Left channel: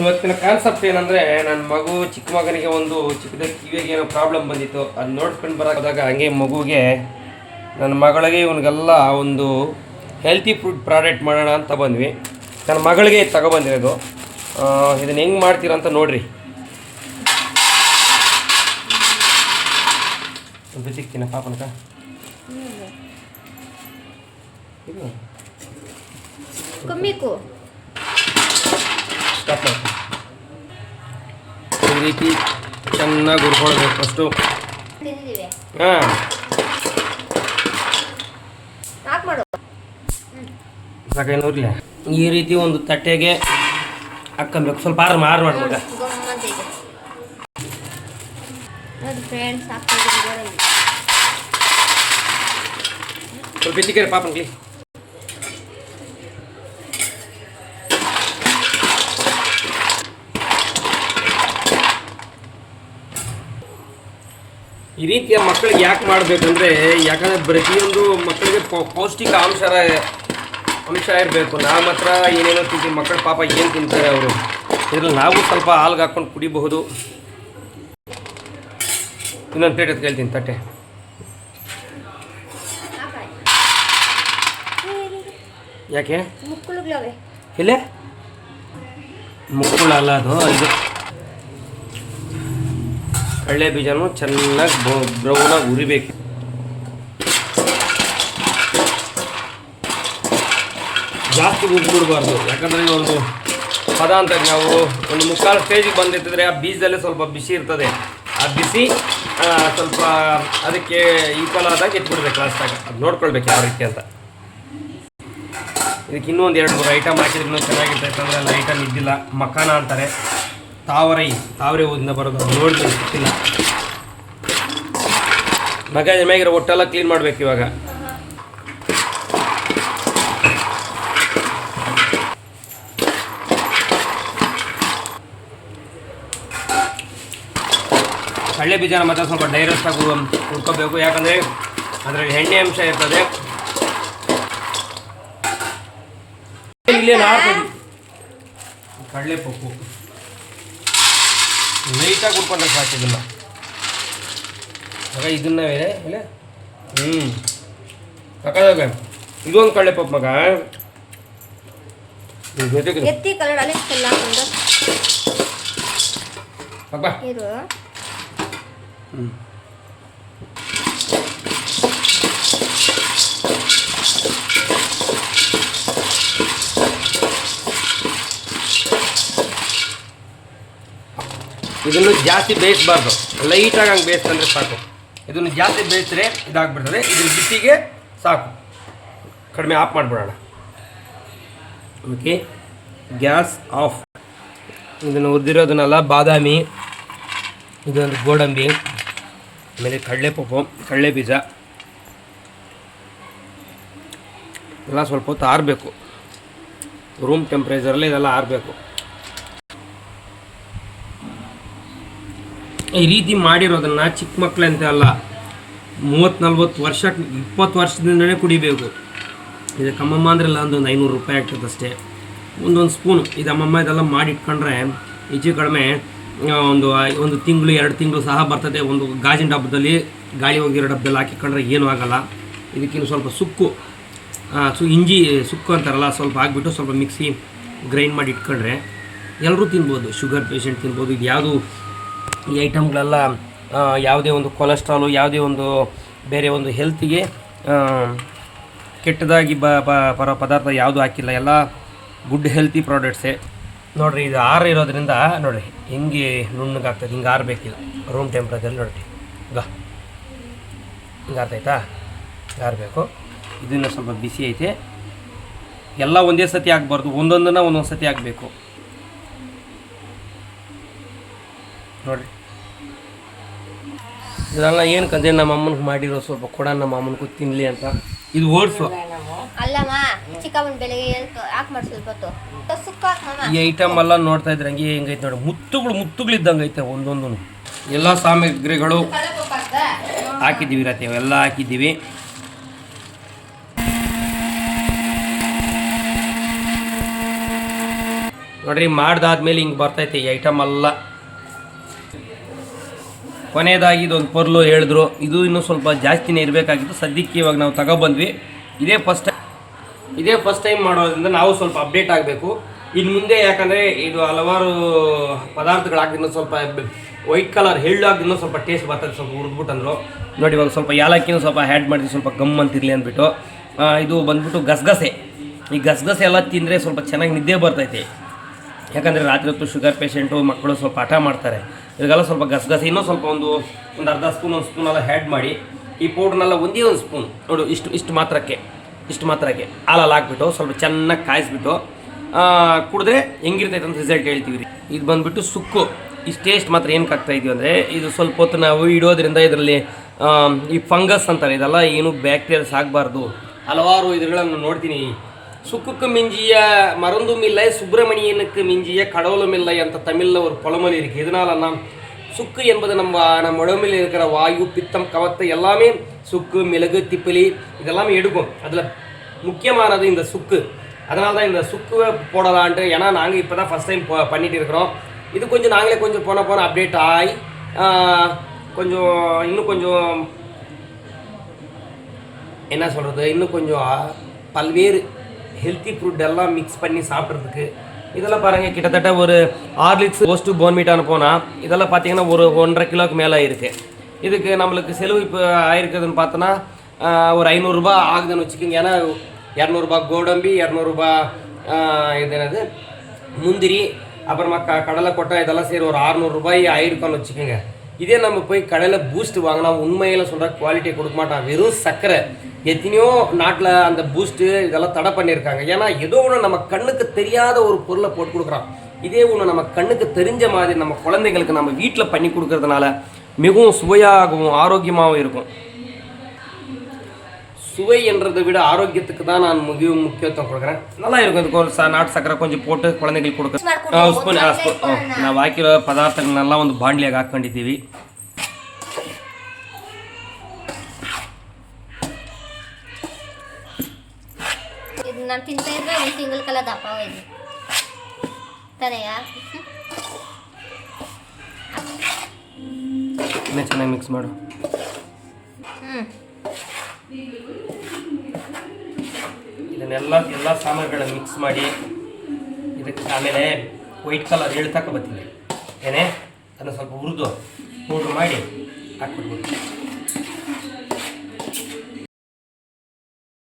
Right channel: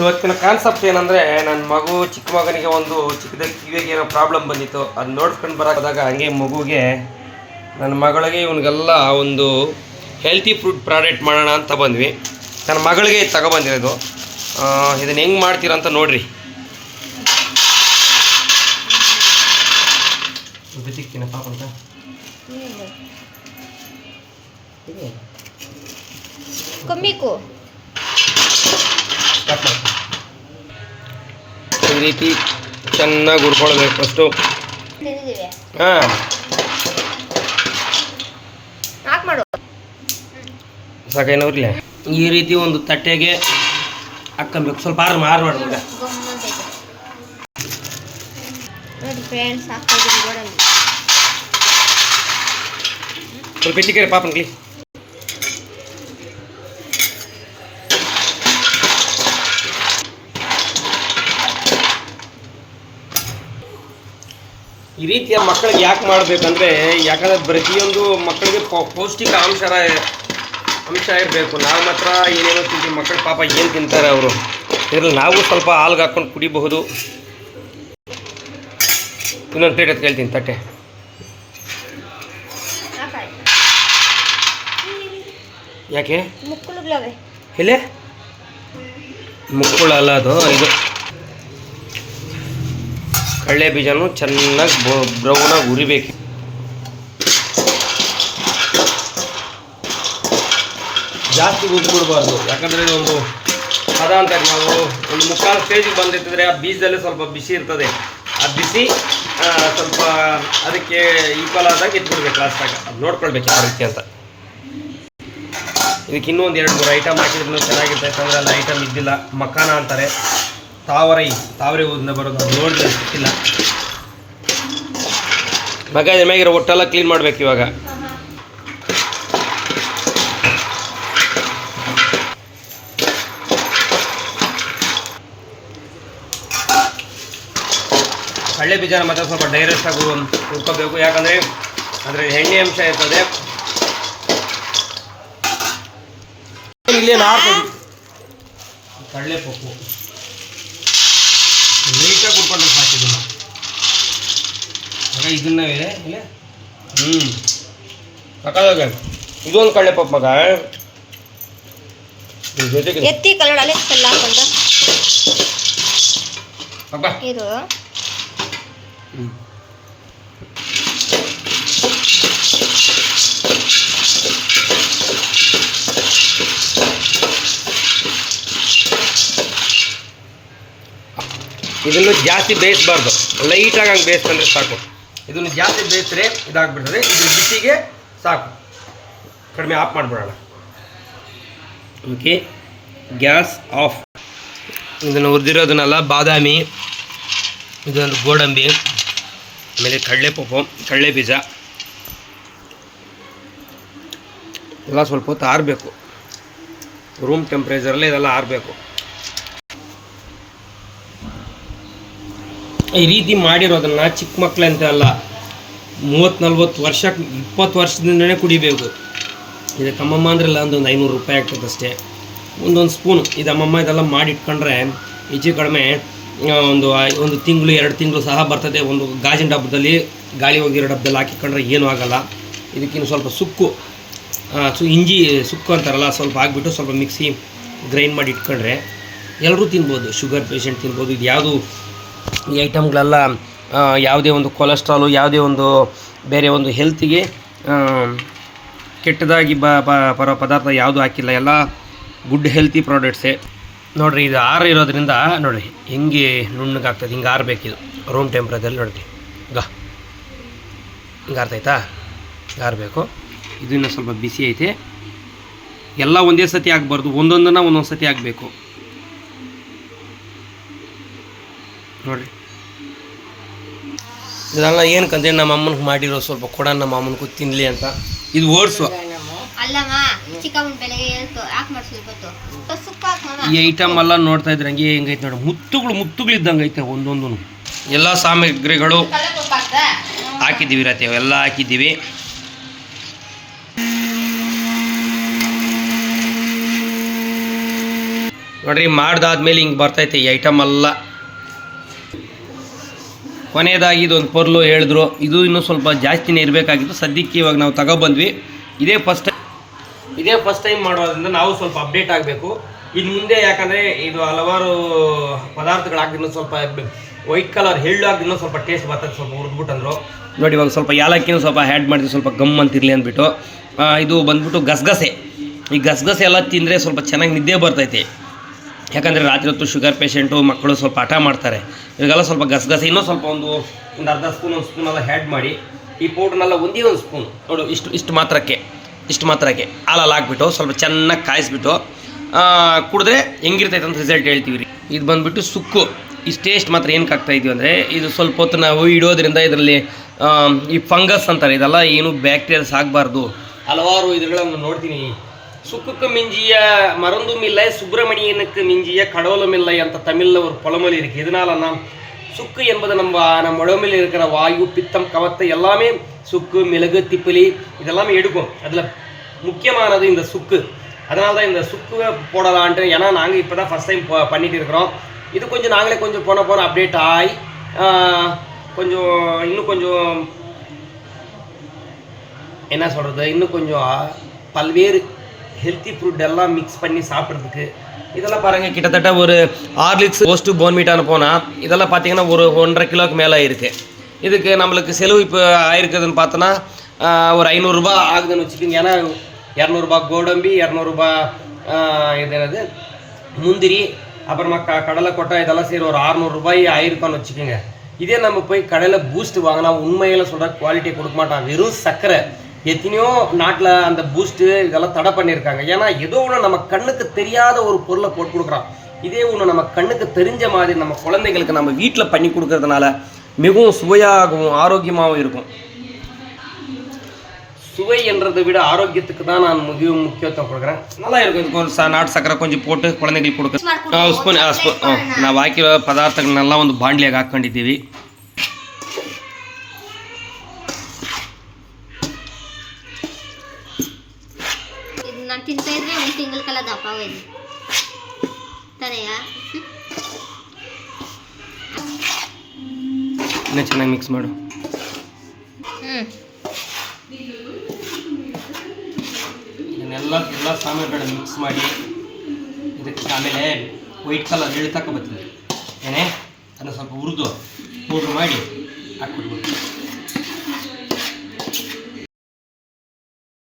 ಇವತ್ತಿನ ಕಾನ್ಸೆಪ್ಟ್ ಏನಂದರೆ, ನನ್ನ ಮಗು ಚಿಕ್ಕ ಮಗನಿಗೆ ಒಂದು ಚಿಕ್ಕದಾಗಿ ಕಿವಿಗೆ ಏನೋ ಪ್ರಾಬ್ಲಮ್ ಬಂದಿತ್ತು. ಅದು ನೋಡ್ಕೊಂಡು ಬರೋದಾಗ ಹಂಗೆ ಮಗುಗೆ ನನ್ನ ಮಗಳಿಗೆ ಇವನಿಗೆಲ್ಲ ಒಂದು ಹೆಲ್ತಿ ಫುಡ್ ಪ್ರಾಡಕ್ಟ್ ಮಾಡೋಣ ಅಂತ ಬಂದ್ವಿ. ನನ್ನ ಮಗಳಿಗೆ ತಗೊಬಂದಿರೋದು. ಇದನ್ನು ಹೆಂಗೆ ಮಾಡ್ತೀರಂತ ನೋಡಿರಿ. ಸಿಗ್ತೀನ ಪಾಪಂತ ಕಮ್ಮಿಕು ಈ ರೀತಿ ಚೆನ್ನಾಗಿ ಹುರ್ಕೊಳ್ಬೇಕು ಫಸ್ಟು. ಹಾಂ, ಸಾಕೇನೂರ್ಲೆ ಈ ರೀತಿ ಒಂದು ತಟ್ಟೆಗೆ ಹಾಕ್ಕೊಬೇಕು. ಸ್ವಲ್ಪ ಆರು ಮಾಡ್ಬೇಕ. ಸ್ವಲ್ಪ ಇಟ್ಟಿಗೆ ಪಾಪನ್ಲಿ. ಈ ರೀತಿಯ ಮಕ್ಕಳಿಗೆ ಯಾಕೆ ಮಾಡಬೇಕಂದ್ರೆ, ಯಾಕಂದರೆ ಪ್ರತಿಯೊಂದು ಮಕ್ಕಳಿಗೆ ಪೌಷ್ಟಿಕ ಅಂಶ ಇರಬೇಕು. ನಾವು ಮಾತ್ರ ಏನೇನೋ ತಿಂತೀವಿ, ಮಕ್ಕಳು ಪಾಪ ಏನು ತಿಂತಾರೆ ಅವರು. ಇದರಲ್ಲಿ ನಾವು ಸ್ವಲ್ಪ ಹಾಲ್ಗೆ ಹಾಕ್ಕೊಂಡು ಕುಡಿಬಹುದು. ಇನ್ನೊಂದು ಪ್ಲೇಟ್ ಅಂತ ಕೇಳ್ತೀನಿ ತಟ್ಟೆ. ಯಾಕೆ ಇಲ್ಲೇ ಮುಕ್ಕುಳ ಅಲ್ಲ, ಅದು ಇದು ಕಡಲೆ ಬೀಜನೂ ಚೆನ್ನಾಗಿ ಬ್ರೌನಾಗಿ ಉರಿಬೇಕು. ಜಾಸ್ತಿ ಉರಿಬಿಡಬಾರ್ದು, ಯಾಕಂದರೆ ಒಂದು ಪದ ಅಂತ ನಾವು ಒಂದು ಮುಕ್ಕಾಲು ಸ್ಟೇಜಿಗೆ ಬಂದಿರ್ತಿದ್ರೆ ಆ ಬೀಜದಲ್ಲೇ ಸ್ವಲ್ಪ ಬಿಸಿ ಇರ್ತದೆ. ಆ ಬಿಸಿ ಸ್ವಲ್ಪ ಅದಕ್ಕೆ ಈಕ್ವಲ್ ಆದಾಗ ಇಟ್ಬಿಡ್ಬೇಕು ಲಾಸ್ಟಾಗ. ಅದು ನೋಡ್ಕೊಳ್ಬೇಕು ಯಾವ ರೀತಿ ಅಂತ. ಇದಕ್ಕೆ ಇನ್ನೊಂದು 2-3 ಐಟಮ್ ಹಾಕಿದ್ರು ಚೆನ್ನಾಗಿರ್ತೈತೆ. ಅಂದರೆ ಅಲ್ಲಿ ಐಟಮ್ ಇದ್ದಿಲ್ಲ. ಮಖಾನ ಅಂತಾರೆ, ತಾವರೆ ಊದಿಂದ ಬರೋದು ನೋಡಿದ್ರೆ ಸಿಕ್ಕಿಲ್ಲ. ಮಗ ಇದ್ರ ಮ್ಯಾಗಿರೋ ಒಟ್ಟೆಲ್ಲ ಕ್ಲೀನ್ ಮಾಡ್ಬೇಕು ಇವಾಗ. ಕಡಲೆ ಬೀಜನ ಮಾತ್ರ ಸ್ವಲ್ಪ ಡೈರೆಕ್ಟಾಗಿ ಹುರ್ಕೋಬೇಕು, ಯಾಕಂದರೆ ಅದರಲ್ಲಿ ಎಣ್ಣೆ ಅಂಶ ಇರ್ತದೆ. ಇಲ್ಲೇನು ಕಡಲೆ ಪಪ್ಪು ನೀಟಾಗಿ ಹುಡ್ಕೊಂಡ್ರೆ ಸಾಕು. ಇದನ್ನ ಇಲ್ಲ ಸಾಕಾಗ ಇದೊಂದು ಕಡಲೆ ಪಪ್ಪು ಮಗ. ಜೊತೆಗೆ ಎತ್ತಿ ಕಲರ್ ಅಲೆ ಎಲ್ಲ ಹಾಕೊಂಡು ಇದು ಇದನ್ನು ಜಾಸ್ತಿ ಬೇಯಿಸಬಾರ್ದು, ಲೈಟಾಗಿ ಹಂಗೆ ಬೇಯಿಸ್ಕೊಂಡ್ರೆ ಸಾಕು. ಇದನ್ನು ಜಾಸ್ತಿ ಬೇಯಿಸಿದ್ರೆ ಇದಾಗ್ಬಿಡ್ತದೆ. ಇದ್ರ ಬಿಸಿಗೆ ಸಾಕು, ಕಡಿಮೆ ಆಫ್ ಮಾಡಿಬಿಡೋಣ. Okay, gas off. ಇದನ್ನು ಹುರಿದಿರೋದನ್ನೆಲ್ಲ ಬಾದಾಮಿ, ಇದೊಂದು ಗೋಡಂಬಿ, ಆಮೇಲೆ ಕಡಲೆ ಪಪ್ಪು, ಕಡಲೆ ಬೀಜ ಎಲ್ಲ ಸ್ವಲ್ಪ ಹೊತ್ತು ಆರಬೇಕು. ರೂಮ್ ಟೆಂಪ್ರೇಚರಲ್ಲಿ ಇದೆಲ್ಲ ಆರಬೇಕು. ಈ ರೀತಿ ಮಾಡಿರೋದನ್ನು ಚಿಕ್ಕ ಮಕ್ಕಳಂತೆ ಅಲ್ಲ, 30-40 ವರ್ಷ 20 ವರ್ಷದಿಂದನೇ ಕುಡಿಬೇಕು. ಇದಕ್ಕೆ ಅಮ್ಮಮ್ಮ ಅಂದ್ರಲ್ಲ ಒಂದು 500 ರೂಪಾಯಿ ಆಗ್ತದೆ ಅಷ್ಟೇ. ಒಂದೊಂದು ಸ್ಪೂನು ಇದು ಅಮ್ಮಮ್ಮ ಇದೆಲ್ಲ ಮಾಡಿಟ್ಕೊಂಡ್ರೆ ಹೆಚ್ಚು ಕಡಿಮೆ ಒಂದು ತಿಂಗಳು 2 ತಿಂಗಳು ಸಹ ಬರ್ತದೆ. ಒಂದು ಗಾಜಿನ ಡಬ್ಬದಲ್ಲಿ, ಗಾಳಿ ಹೋಗಿರೋ ಡಬ್ಬದಲ್ಲಿ ಹಾಕಿಕೊಂಡ್ರೆ ಏನೂ ಆಗೋಲ್ಲ. ಇದಕ್ಕಿನ್ನು ಸ್ವಲ್ಪ ಇಂಜಿ ಸುಕ್ಕು ಅಂತಾರಲ್ಲ, ಸ್ವಲ್ಪ ಹಾಕ್ಬಿಟ್ಟು ಸ್ವಲ್ಪ ಮಿಕ್ಸಿ ಗ್ರೈಂಡ್ ಮಾಡಿ ಇಟ್ಕೊಂಡ್ರೆ ಎಲ್ಲರೂ ತಿನ್ಬೋದು. ಶುಗರ್ ಪೇಷಂಟ್ ತಿನ್ಬೋದು. ಇದು ಯಾವುದು ಈ ಐಟಮ್ಗಳೆಲ್ಲ ಯಾವುದೇ ಒಂದು ಕೊಲೆಸ್ಟ್ರಾಲು, ಯಾವುದೇ ಒಂದು ಬೇರೆ ಒಂದು ಹೆಲ್ತಿಗೆ ಕೆಟ್ಟದಾಗಿ ಬರೋ ಪದಾರ್ಥ ಯಾವುದೂ ಹಾಕಿಲ್ಲ. ಎಲ್ಲ ಗುಡ್ ಹೆಲ್ತಿ ಪ್ರಾಡಕ್ಟ್ಸೇ. ನೋಡಿರಿ, ಇದು ಇರೋದ್ರಿಂದ ನೋಡಿರಿ ಹೆಂಗೆ ನುಣ್ಣಗಾಗ್ತದೆ. ಹಿಂಗೆ ಆರಬೇಕಿದು ರೂಮ್ ಟೆಂಪ್ರೇಚರ್. ನೋಡಿರಿ ಹಿಂಗೆ ಆರ್ತೈತಾ, ಆರಬೇಕು. ಇದನ್ನು ಸ್ವಲ್ಪ ಬಿಸಿ ಐತೆ. ಎಲ್ಲ ಒಂದೇ ಸತಿ ಆಗಬಾರ್ದು, ಒಂದೊಂದು ಸತಿ ಆಗಬೇಕು. ನೋಡಿರಿ, ಇದೆಲ್ಲ ಏನಕ್ಕಂದ್ರೆ ನಮ್ಮ ಅಮ್ಮನಿಗೆ ಮಾಡಿರೋ ಸ್ವಲ್ಪ ಕೊಡ, ನಮ್ಮ ಅಮ್ಮನಿಗೂ ತಿನ್ನಲಿ ಅಂತ. ಇದು ಓಡಿಸು ಈ ಐಟಮ್ ಎಲ್ಲ ನೋಡ್ತಾ ಇದ್ರೆ ಹಂಗೆ ಹೆಂಗೈತೆ ನೋಡಿ, ಮುತ್ತುಗಳಿದ್ದಂಗೆ ಐತೆ ಒಂದೊಂದು. ಎಲ್ಲ ಸಾಮಗ್ರಿಗಳು ಹಾಕಿದ್ದೀವಿ ರತಿ, ಅವೆಲ್ಲ ಹಾಕಿದ್ದೀವಿ. ನೋಡ್ರಿ ಮಾಡ್ದಾದ್ಮೇಲೆ ಹಿಂಗೆ ಬರ್ತೈತೆ ಈ ಐಟಮ್ ಎಲ್ಲ. ಕೊನೆಯದಾಗಿ ಇದೊಂದು ಪರ್ಲು ಹೇಳಿದ್ರು, ಇದು ಇನ್ನೂ ಸ್ವಲ್ಪ ಜಾಸ್ತಿನೇ ಇರಬೇಕಾಗಿತ್ತು. ಸದ್ಯಕ್ಕೆ ಇವಾಗ ನಾವು ತಗೊಬಂದ್ವಿ. ಇದೇ ಫಸ್ಟ್ ಟೈಮ್ ಮಾಡೋದ್ರಿಂದ ನಾವು ಸ್ವಲ್ಪ ಅಪ್ಡೇಟ್ ಆಗಬೇಕು ಇನ್ನು ಮುಂದೆ. ಯಾಕಂದರೆ ಇದು ಹಲವಾರು ಪದಾರ್ಥಗಳಾಗಿದ್ದು ಸ್ವಲ್ಪ ವೈಟ್ ಕಲರ್ ಎಳ್ಳು ಆಗಿದ್ದು ಸ್ವಲ್ಪ ಟೇಸ್ಟ್ ಬರ್ತದೆ, ಸ್ವಲ್ಪ ಹುರಿದ್ಬಿಟ್ಟಂದ್ರು. ನೋಡಿ ಇವಾಗ ಸ್ವಲ್ಪ ಯಾಲಕ್ಕಿನೂ ಸ್ವಲ್ಪ ಆ್ಯಡ್ ಮಾಡಿದ್ವಿ, ಸ್ವಲ್ಪ ಗಮ್ ಅಂತಿರಲಿ ಅಂದ್ಬಿಟ್ಟು. ಇದು ಬಂದ್ಬಿಟ್ಟು ಗಸಗಸೆ. ಈ ಗಸಗಸೆ ಎಲ್ಲ ತಿಂದರೆ ಸ್ವಲ್ಪ ಚೆನ್ನಾಗಿ ನಿದ್ದೆ ಬರ್ತೈತೆ. ಯಾಕಂದರೆ ರಾತ್ರಿ ಹೊತ್ತು ಶುಗರ್ ಪೇಷೆಂಟು ಮಕ್ಕಳು ಸ್ವಲ್ಪ ಹಠ ಮಾಡ್ತಾರೆ. ಇವಾಗೆಲ್ಲ ಸ್ವಲ್ಪ ಗಸಗಸೆ ಇನ್ನೂ ಸ್ವಲ್ಪ ಒಂದು ಅರ್ಧ ಸ್ಪೂನ್ ಒಂದು ಸ್ಪೂನ್ ಎಲ್ಲ ಆ್ಯಡ್ ಮಾಡಿ ಈ ಪೌಡ್ರನ್ನೆಲ್ಲ ಒಂದೇ ಒಂದು ಸ್ಪೂನ್ ನೋಡು ಇಷ್ಟು ಮಾತ್ರಕ್ಕೆ ಹಾಲಲ್ಲಿ ಹಾಕ್ಬಿಟ್ಟು ಸ್ವಲ್ಪ ಚೆನ್ನಾಗಿ ಕಾಯಿಸ್ಬಿಟ್ಟು ಕುಡಿದ್ರೆ ಹೆಂಗಿರ್ತೈತೆ ಅಂತ ರಿಸಲ್ಟ್ ಹೇಳ್ತೀವಿ ರೀ. ಇದು ಬಂದುಬಿಟ್ಟು ಸುಕ್ಕು. ಇಷ್ಟು ಟೇಸ್ಟ್ ಮಾತ್ರ ಏನಕ್ಕೆ ಆಗ್ತಾಯಿದ್ದೀವಿ ಅಂದರೆ ಇದು ಸ್ವಲ್ಪ ಹೊತ್ತು ನಾವು ಇಡೋದ್ರಿಂದ ಇದರಲ್ಲಿ ಈ ಫಂಗಸ್ ಅಂತಾರೆ, ಇದೆಲ್ಲ ಏನು ಬ್ಯಾಕ್ಟೀರಿಯಾಸ್ ಆಗಬಾರ್ದು. ಹಲವಾರು ಇದ್ಗಳನ್ನು ನೋಡ್ತೀನಿ. ಸುಕ್ಕಕ್ಕೆ ಮಿಂಜಿಯ மருந்தும் இல்லை, சுப்பிரமணியனுக்கு மிஞ்சிய கடவுளும் இல்லை ಅಂತ தமிழில் ஒரு பழமொழி இருக்குது. இதனால் நாம் சுக்கு என்பது நம்ம உடம்பில் இருக்கிற வாயு, பித்தம், கவத்தை எல்லாமே சுக்கு, மிளகு, திப்பிலி இதெல்லாமே எடுக்கும். அதில் முக்கியமானது இந்த சுக்கு. அதனால தான் இந்த சுக்குவை போடலான்ட்டு. ஏன்னா நாங்கள் இப்போ தான் ஃபஸ்ட் டைம் பண்ணிட்டு இருக்கிறோம். இது கொஞ்சம் நாங்களே கொஞ்சம் போன அப்டேட் ஆகி கொஞ்சம் இன்னும் கொஞ்சம் என்ன சொல்கிறது, இன்னும் கொஞ்சம் பல்வேறு ஹெல்த்தி ஃப்ரூட் எல்லாம் மிக்ஸ் பண்ணி சாப்பிட்றதுக்கு. இதெல்லாம் பாருங்கள், கிட்டத்தட்ட ஒரு 6 லிட்டர் போஸ்ட்டு போன்மீட்டான போனால் இதெல்லாம் பார்த்தீங்கன்னா ஒரு 1.5 கிலோக்கு மேலே இருக்குது. இதுக்கு நம்மளுக்கு செலவு இப்போ ஆயிருக்குதுன்னு பார்த்தோன்னா ஒரு 500 ரூபா ஆகுதுன்னு வச்சுக்கோங்க. ஏன்னா 200 ரூபா கோடம்பி, 200 ரூபா இது என்னது முந்திரி, அப்புறமா கடலை கொட்டை இதெல்லாம் சரி ஒரு 600 ரூபாய் ஆயிருக்கான்னு வச்சுக்கோங்க. இதே நம்ம போய் கடையில் பூஸ்ட் வாங்கினா உண்மையில் சொல்கிற குவாலிட்டியை கொடுக்க மாட்டான், வெறும் சர்க்கரை. எத்தனையோ நாட்டில் அந்த பூஸ்ட்டு இதெல்லாம் தடை பண்ணியிருக்காங்க. ஏன்னா ஏதோ ஒன்று நம்ம கண்ணுக்கு தெரியாத ஒரு பொருளை போட்டு கொடுக்குறான். இதே ஒன்று நம்ம கண்ணுக்கு தெரிஞ்ச மாதிரி நம்ம குழந்தைங்களுக்கு நம்ம வீட்டில் பண்ணி கொடுக்கறதுனால மிகவும் சுவையாகவும் ஆரோக்கியமாகவும் இருக்கும். சுவை என்றதை விட ஆரோக்கியத்துக்கு தான் நான் மிகவும் முக்கியத்துவம் கொடுக்குறேன். நல்லா இருக்கும். இதுக்கு நாட்டு சக்கரை கொஞ்சம் போட்டு குழந்தைங்களுக்கு கொடுக்க ಸ್ಪೂನ್ ನಾವು ಹಾಕಿರೋ ಪದಾರ್ಥಗಳನ್ನೆಲ್ಲ ಒಂದು ಬಾಂಡ್ಲಿಯಾಗಿ ಹಾಕ್ಕೊಂಡಿದ್ದೀವಿ. ನಾನು ತಿಂತಾ ಇದ್ರೆ ಒಂದು ತಿಂಗಳ ಕಾಲ ದಪ್ಪ ಹೋಯ್ತು ತಾನೆಯಾ. ಇನ್ನೂ ಚೆನ್ನಾಗಿ ಮಿಕ್ಸ್ ಮಾಡು. ಎಲ್ಲ ಸಾಮಾನುಗಳನ್ನ ಮಿಕ್ಸ್ ಮಾಡಿ ಇದಕ್ಕೆ ಆಮೇಲೆ ವೈಟ್ ಕಲರ್ ಎಳ್ಳು ತಗೊಬರ್ತೀನಿ ಏನೇ ಅದನ್ನು ಸ್ವಲ್ಪ ಹುರಿದು ಪೌಡ್ರ್ ಮಾಡಿ ಹಾಕ್ಬಿಡ್ಬೋದು.